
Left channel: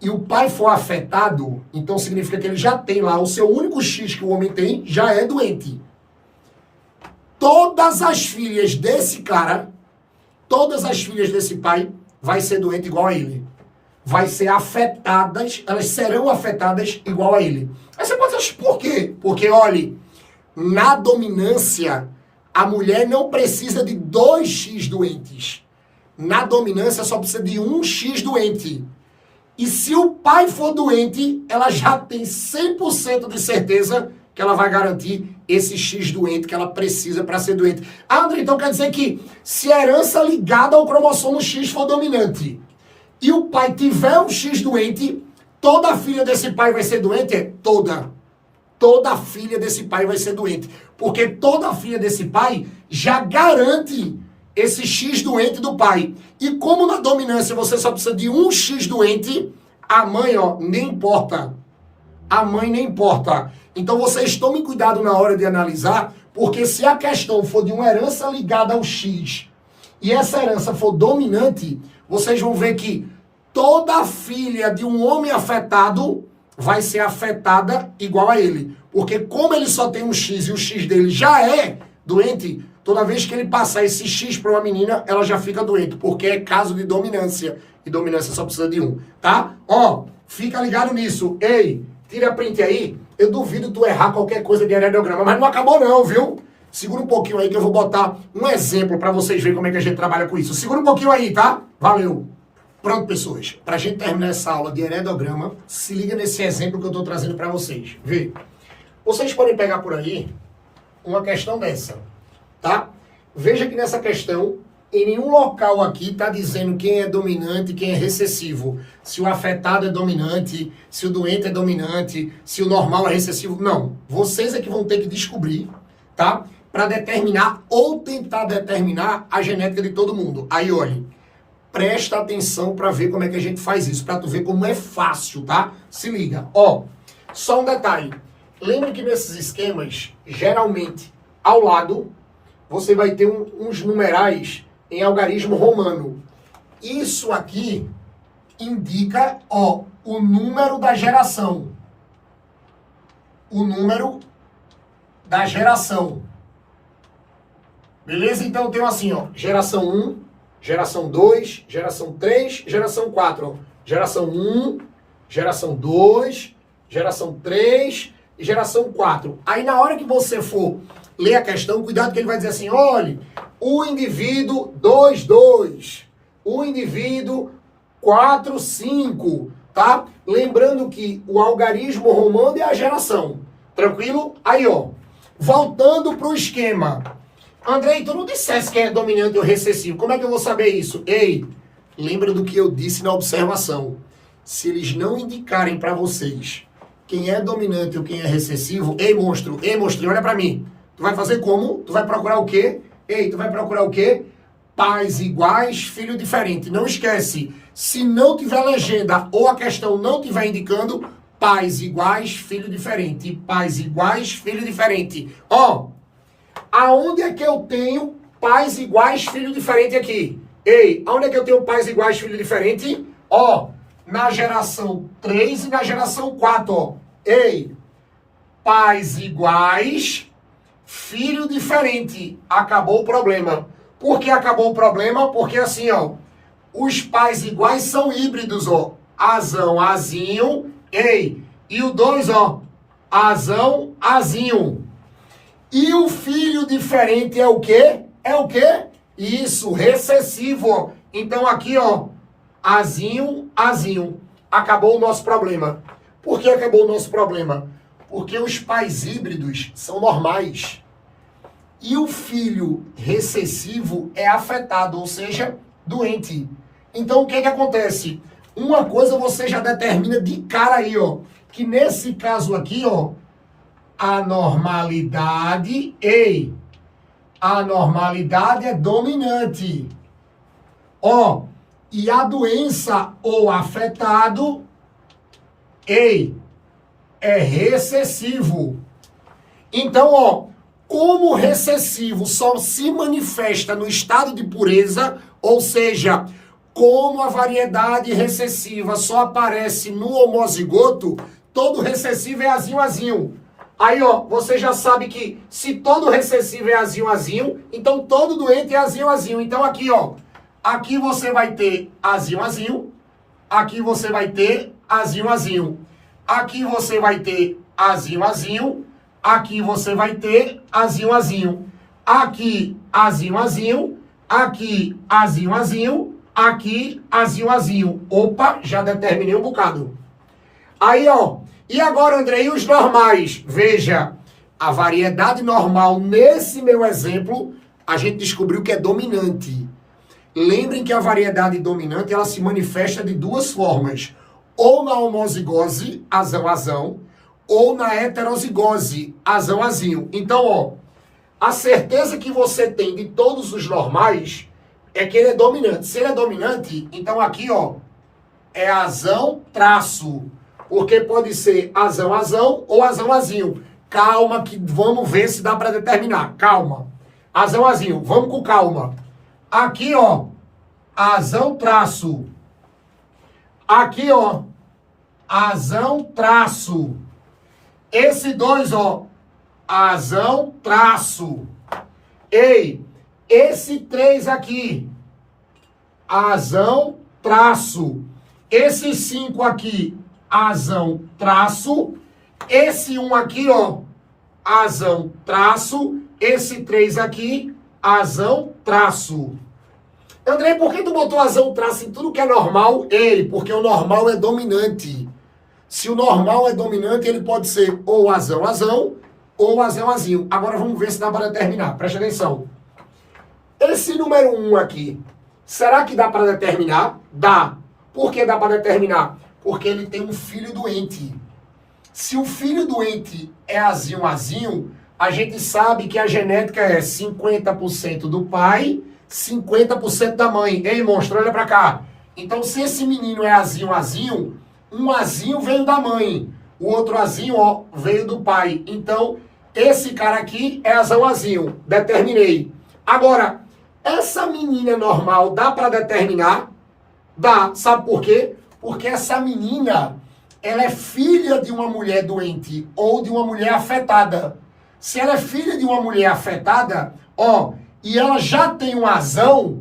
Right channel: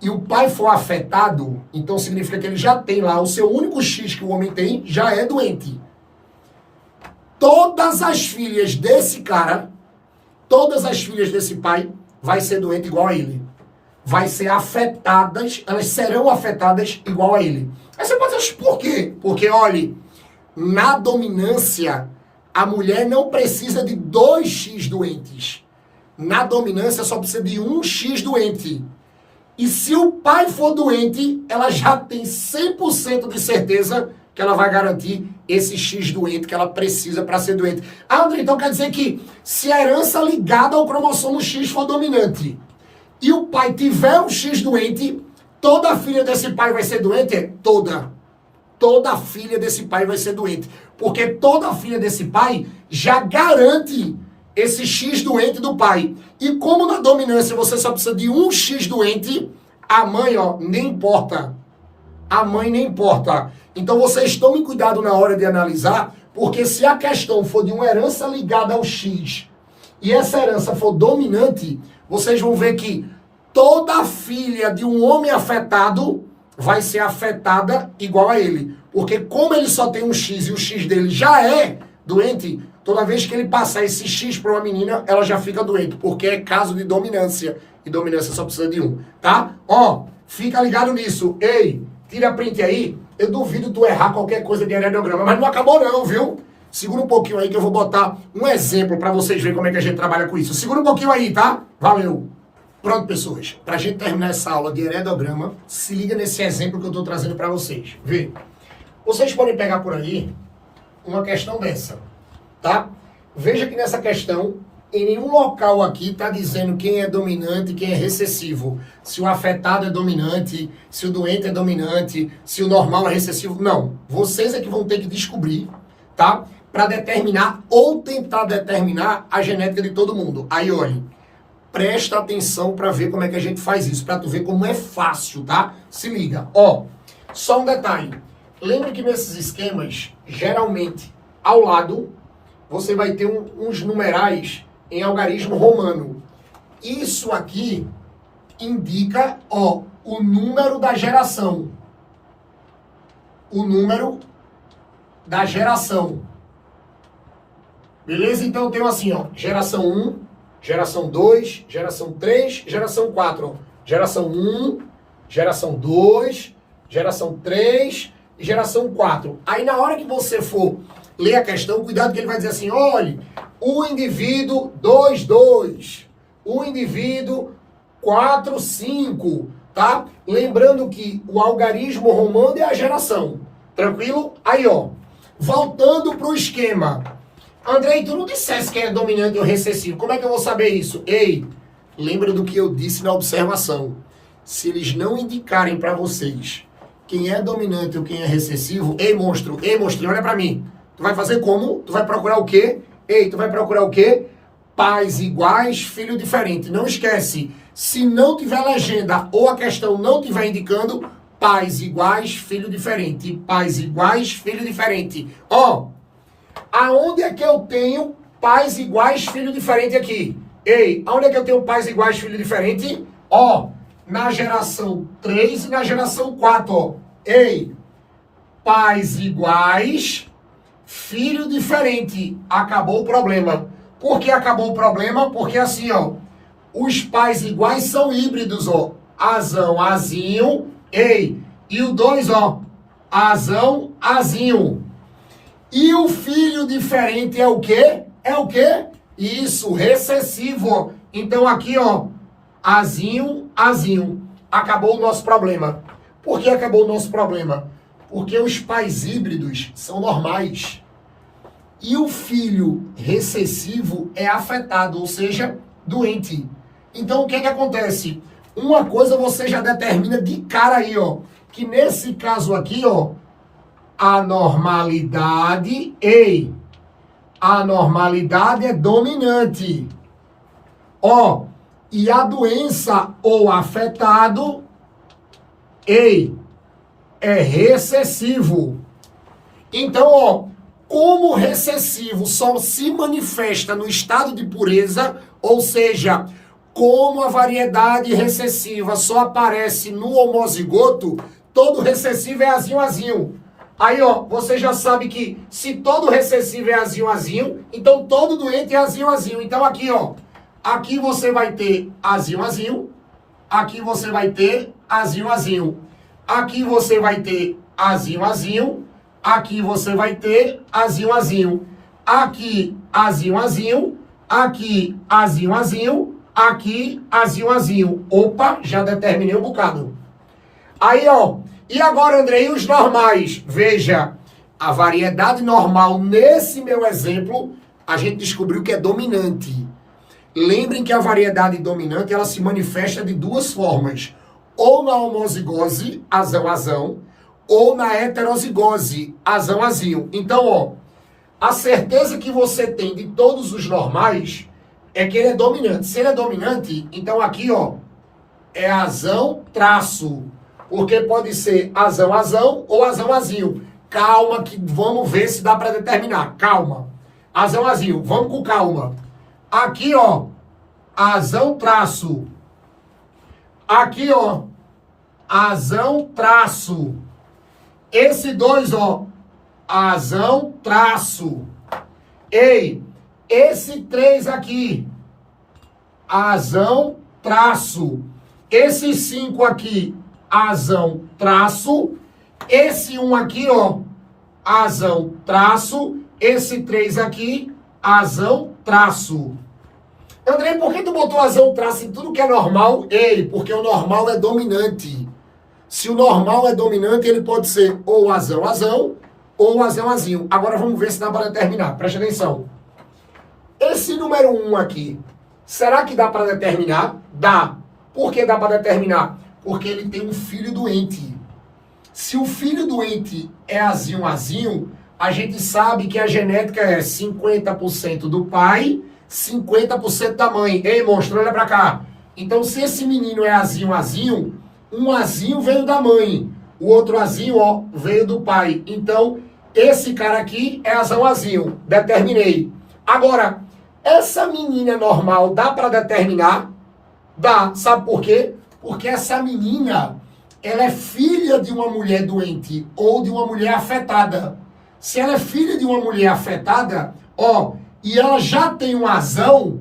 e o pai for afetado, então significa que ele já tem lá o seu único X que o homem tem, já é doente. Todas as filhas desse cara, todas as filhas desse pai, vai ser doente igual a ele. Vai ser afetadas, elas serão afetadas igual a ele. Aí você pode dizer, por quê? Porque, olha, na dominância, a mulher não precisa de 2 X doentes. Na dominância, só precisa de um X doente. E se o pai for doente, ela já tem 100% de certeza que ela vai garantir esse X doente que ela precisa para ser doente. Ah, André, então quer dizer que se a herança ligada ao cromossomo X for dominante e o pai tiver um X doente, toda filha desse pai vai ser doente? Toda. Toda filha desse pai vai ser doente. Porque toda filha desse pai já garante esse X doente do pai. E como na dominância você só precisa de um X doente, a mãe, ó, nem importa. A mãe nem importa. Então vocês tomem cuidado na hora de analisar, porque se a questão for de uma herança ligada ao X e essa herança for dominante, vocês vão ver que toda filha de um homem afetado vai ser afetada igual a ele. Porque como ele só tem um X e o X dele já é doente, toda vez que ele passar esse X para uma menina, ela já fica doente, porque é caso de dominância. E dominância só precisa de um, tá? Ó, fica ligado nisso. Ei, tira a print aí. Eu duvido tu errar qualquer coisa de heredograma, mas não acabou não, viu? Segura um pouquinho aí que eu vou botar um exemplo para vocês verem como é que a gente trabalha com isso. Segura um pouquinho aí, tá? Valeu! Pronto, pessoas. Para a gente terminar essa aula de heredograma, se liga nesse exemplo que eu estou trazendo para vocês. Vê. Vocês podem pegar por aí uma questão dessa, tá? Veja que nessa questão, em nenhum local aqui está dizendo quem é dominante e quem é recessivo. Se o afetado é dominante, se o doente é dominante, se o normal é recessivo. Não. Vocês é que vão ter que descobrir, tá? Para determinar ou tentar determinar a genética de todo mundo. Aí, olhem. Presta atenção para ver como é que a gente faz isso, para tu ver como é fácil, tá? Se liga. Ó, só um detalhe. Lembre que nesses esquemas, geralmente, ao lado, você vai ter uns numerais em algarismo romano. Isso aqui indica, ó, o número da geração. O número da geração. Beleza? Então eu tenho assim, ó, geração 1, geração 2, geração 3, geração 4. Ó. Geração 1, geração 2, geração 3 e geração 4. Aí na hora que você for ler a questão, cuidado que ele vai dizer assim, olha, o indivíduo 2, o indivíduo 4, 5, tá? Lembrando que o algarismo romano é a geração. Tranquilo? Aí, ó, voltando pro esquema. Andrei, tu não dissesse quem é dominante ou recessivo. Como é que eu vou saber isso? Ei, lembra do que eu disse na observação. Se eles não indicarem para vocês quem é dominante ou quem é recessivo, ei, monstro, olha para mim. Tu vai fazer como? Tu vai procurar o quê? Ei, tu vai procurar o quê? Pais iguais, filho diferente. Não esquece, se não tiver legenda ou a questão não tiver indicando, pais iguais, filho diferente. Pais iguais, filho diferente. Ó. Aonde é que eu tenho pais iguais, filho diferente aqui? Ei, aonde é que eu tenho pais iguais, filho diferente? Ó, na geração 3 e na geração 4, ó. Ei, pais iguais, filho diferente. Acabou o problema. Por que acabou o problema? Porque assim, ó, os pais iguais são híbridos, ó. Azão, azinho, ei. E o 2, ó, azão, azinho. E o filho diferente é o quê? É o quê? Isso, recessivo. Então aqui, ó, azinho, azinho. Acabou o nosso problema. Por que acabou o nosso problema? Porque os pais híbridos são normais. E o filho recessivo é afetado, ou seja, doente. Então o que que acontece? Uma coisa você já determina de cara aí, ó. Que nesse caso aqui, ó, a normalidade, ei, a normalidade é dominante. Ó, e a doença ou afetado, ei, é recessivo. Então, ó, como o recessivo só se manifesta no estado de pureza, ou seja, como a variedade recessiva só aparece no homozigoto, todo recessivo é azinho, azinho. Aí, ó, você já sabe que se todo recessivo é azinho, azinho, então todo doente é azinho, azinho. Então aqui, ó, aqui você vai ter azinho, azinho, aqui você vai ter azinho, azinho, aqui você vai ter azinho, azinho, aqui você vai ter azinho, azinho, aqui azinho, azinho, aqui azinho, azinho, aqui azinho, azinho. Opa, já determinei um bocado. Aí, ó. E agora, Andrei, os normais? Veja, a variedade normal, nesse meu exemplo, a gente descobriu que é dominante. Lembrem que a variedade dominante, ela se manifesta de duas formas. Ou na homozigose, azão, azão, ou na heterozigose, azão, azinho. Então, ó, a certeza que você tem de todos os normais é que ele é dominante. Se ele é dominante, então aqui, ó, é azão, traço. Porque pode ser azão, azão ou azão, azinho. Calma que vamos ver se dá para determinar. Calma. Azão, azinho. Vamos com calma. Aqui, ó, azão, traço. Aqui, ó, azão, traço. Esse 2, ó, azão, traço. Ei, esse 3 aqui, azão, traço. Esse 5 aqui, azão, traço. Esse 1 aqui, ó, azão, traço. esse 3 aqui, azão, traço. Andrei, por que tu botou azão, traço em tudo que é normal? Ei, porque o normal é dominante. Se o normal é dominante, ele pode ser ou azão, azão, ou azão, azinho. Agora vamos ver se dá para determinar. Preste atenção. Esse número 1 aqui, será que dá para determinar? Dá. Por que dá para determinar? Porque ele tem um filho doente. Se o filho doente é azinho, azinho, a gente sabe que a genética é 50% do pai, 50% da mãe. Ei, monstro, olha pra cá. Então, se esse menino é azinho, azinho, um azinho veio da mãe, o outro azinho, ó, veio do pai. Então, esse cara aqui é azão, azinho. Determinei. Agora, essa menina é normal, dá pra determinar? Dá. Sabe por quê? Porque essa menina, ela é filha de uma mulher doente ou de uma mulher afetada. Se ela é filha de uma mulher afetada, ó, e ela já tem um azão,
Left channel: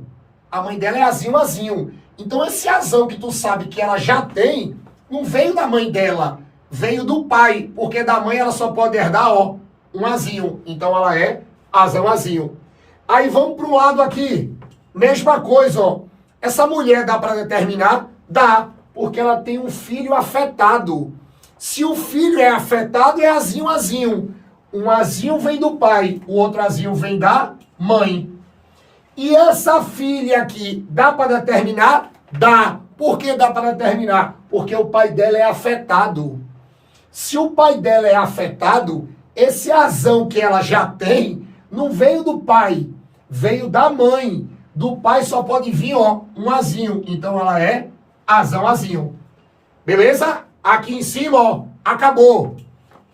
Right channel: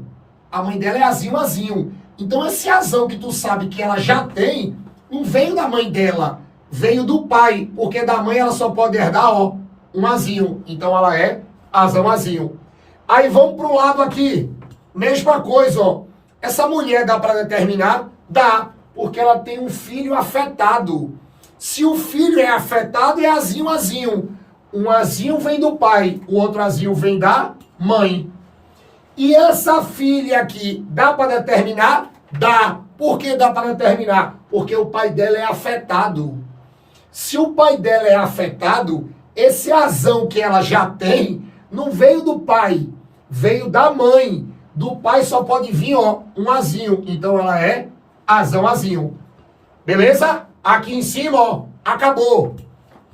a mãe dela é azinho, azinho. Então esse azão que tu sabe que ela já tem, não veio da mãe dela, veio do pai, porque da mãe ela só pode herdar, ó, um azinho. Então ela é azão, azinho. Aí vamos pro lado aqui, mesma coisa, ó. Essa mulher dá para determinar? Dá, porque ela tem um filho afetado. Se o filho é afetado, é azinho, azinho. Um azinho vem do pai, o outro azinho vem da mãe. E essa filha aqui, dá para determinar? Dá. Por que dá para determinar? Porque o pai dela é afetado. Se o pai dela é afetado, esse azão que ela já tem, não veio do pai, veio da mãe. Do pai só pode vir, ó, um azinho. Então ela é azão, azinho. Beleza? Aqui em cima, ó, acabou.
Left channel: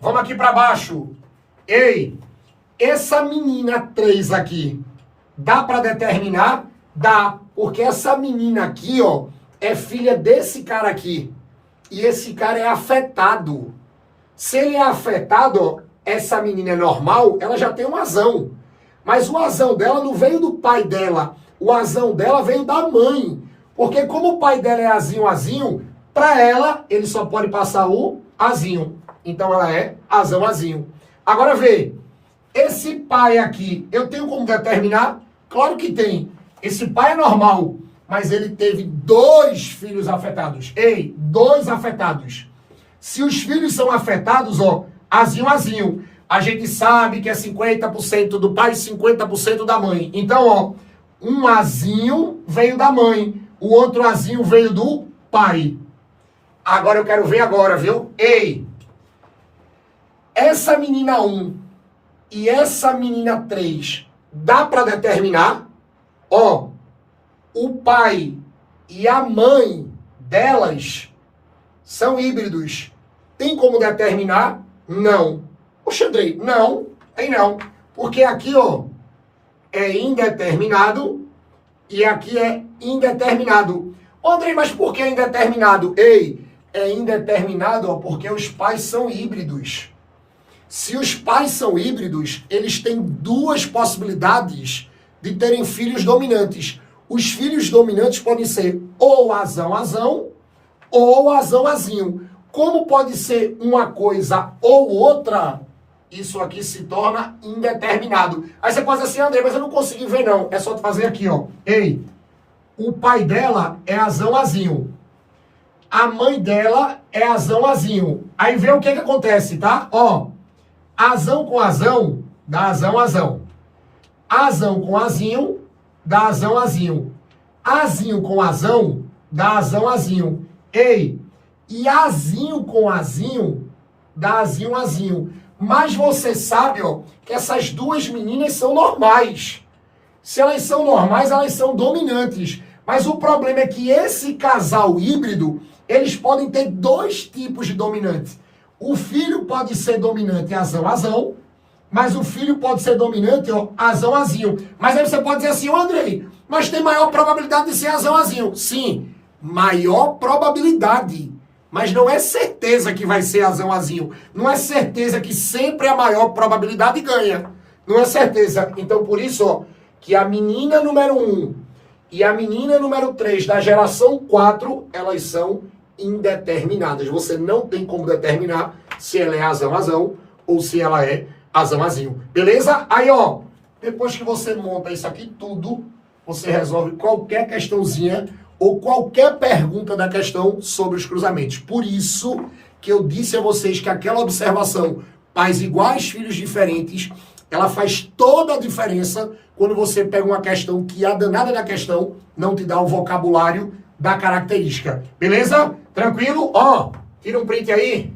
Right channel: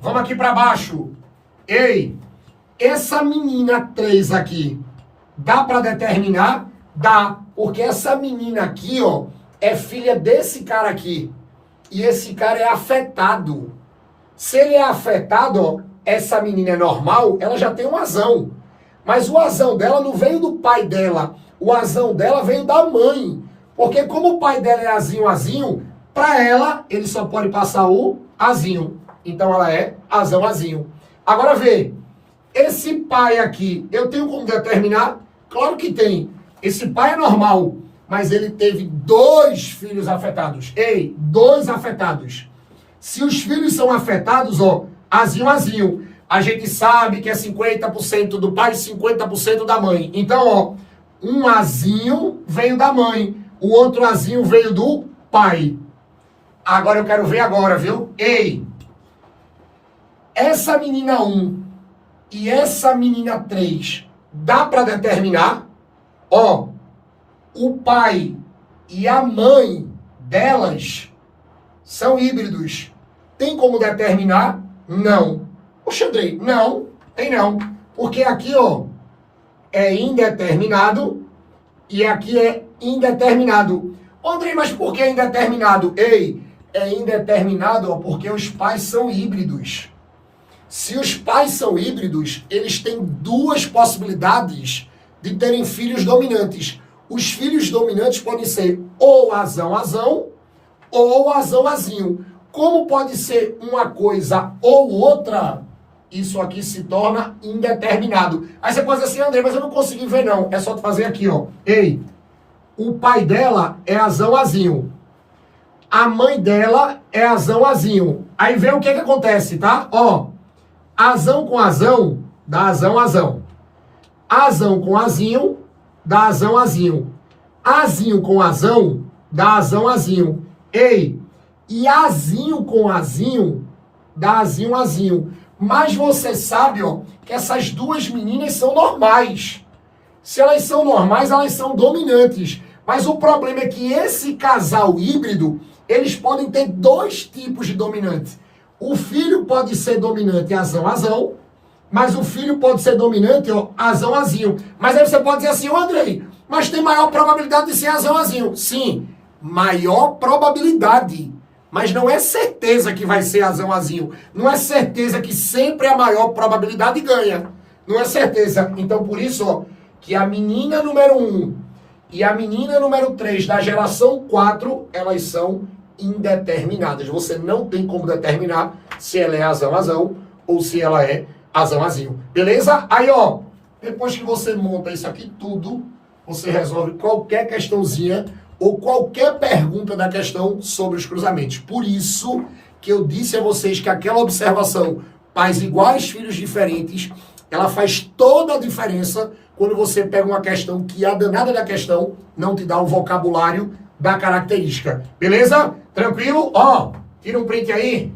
Vamos aqui para baixo. Ei, essa menina 3 aqui, dá para determinar? Dá, porque essa menina aqui, ó, é filha desse cara aqui. E esse cara é afetado. Se ele é afetado, ó, essa menina é normal, ela já tem um azão. Mas o azão dela não veio do pai dela. O azão dela veio da mãe. Porque como o pai dela é azinho, azinho, para ela, ele só pode passar o azinho. Então ela é azão, azinho. Agora vê, esse pai aqui, eu tenho como determinar? Claro que tem. Esse pai é normal, mas ele teve 2 filhos afetados. Ei, 2 afetados. Se os filhos são afetados, ó, azinho, azinho. A gente sabe que é 50% do pai e 50% da mãe. Então, ó, um azinho veio da mãe, o outro azinho veio do pai. Agora eu quero ver agora, viu? Ei, essa menina 1 e essa menina 3, dá para determinar? Ó, o pai e a mãe delas são híbridos. Tem como determinar? Não. Poxa, Andrei, não, tem não. Porque aqui, ó, é indeterminado e aqui é indeterminado. Andrei, mas por que indeterminado? Ei, é indeterminado, ó, porque os pais são híbridos. Se os pais são híbridos, eles têm 2 possibilidades de terem filhos dominantes. Os filhos dominantes podem ser ou azão, azão, ou azão, azinho. Como pode ser uma coisa ou outra, isso aqui se torna indeterminado. Aí você pode dizer assim, André, mas eu não consegui ver não. É só tu fazer aqui, ó. Ei, o pai dela é azão, azinho. A mãe dela é azão, azinho. Aí vê o que acontece, tá? Ó, azão com azão, dá azão, azão. Azão com azinho, dá azão, azinho. Azinho com azão, dá azão, azinho. Ei, e azinho com azinho, dá azinho, azinho. Mas você sabe, ó, que essas 2 meninas são normais. Se elas são normais, elas são dominantes. Mas o problema é que esse casal híbrido, eles podem ter 2 tipos de dominante. O filho pode ser dominante azão, azão, mas o filho pode ser dominante, ó, azão, azinho. Mas aí você pode dizer assim, ô Andrei, mas tem maior probabilidade de ser azão, azinho. Sim, maior probabilidade. Mas não é certeza que vai ser azão, azinho. Não é certeza que sempre a maior probabilidade ganha. Não é certeza. Então, por isso, ó, que a menina número 1 e a menina número 3 da geração 4, elas são indeterminadas. Você não tem como determinar se ela é azão, azão ou se ela é Azão, azinho. Beleza? Aí, ó, depois que você monta isso aqui tudo, você resolve qualquer questãozinha ou qualquer pergunta da questão sobre os cruzamentos. Por isso que eu disse a vocês que aquela observação, pais iguais, filhos diferentes, ela faz toda a diferença quando você pega uma questão que a danada da questão não te dá o vocabulário da característica. Beleza? Tranquilo? Ó, tira um print aí.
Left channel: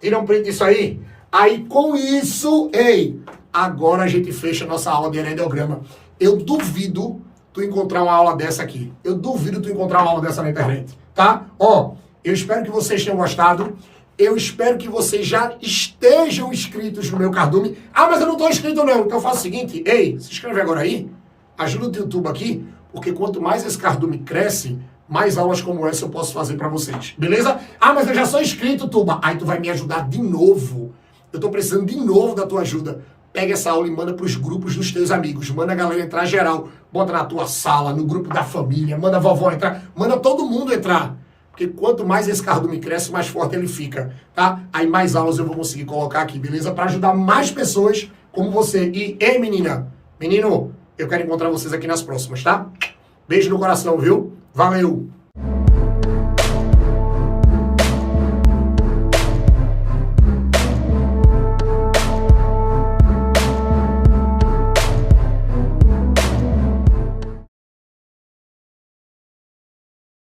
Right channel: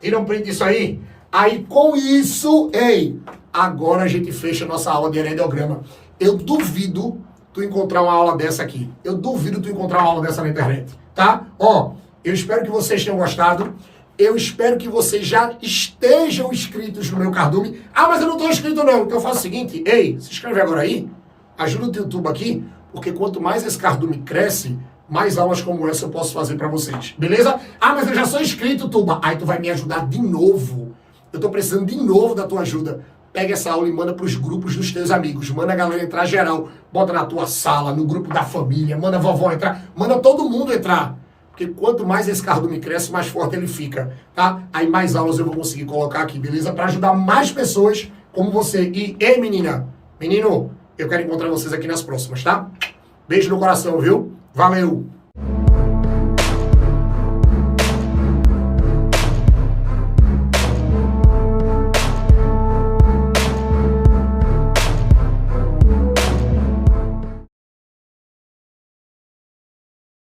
Tira um print disso aí. Aí, com isso, ei, agora a gente fecha a nossa aula de heredograma. Eu duvido tu encontrar uma aula dessa aqui. Eu duvido tu encontrar uma aula dessa na internet, tá? Ó, eu espero que vocês tenham gostado. Eu espero que vocês já estejam inscritos no meu cardume. Ah, mas eu não estou inscrito não. Então eu faço o seguinte, ei, se inscreve agora aí, ajuda o YouTube aqui, porque quanto mais esse cardume cresce, mais aulas como essa eu posso fazer para vocês, beleza? Ah, mas eu já sou inscrito, Tuba. Aí tu vai me ajudar de novo. Eu tô precisando de novo da tua ajuda. Pega essa aula e manda pros grupos dos teus amigos. Manda a galera entrar geral. Bota na tua sala, no grupo da família. Manda a vovó entrar. Manda todo mundo entrar. Porque quanto mais esse cardume cresce, mais forte ele fica, tá? Aí mais aulas eu vou conseguir colocar aqui, beleza? Para ajudar mais pessoas como você. E, ei, menina, menino, eu quero encontrar vocês aqui nas próximas, tá? Beijo no coração, viu? Valeu!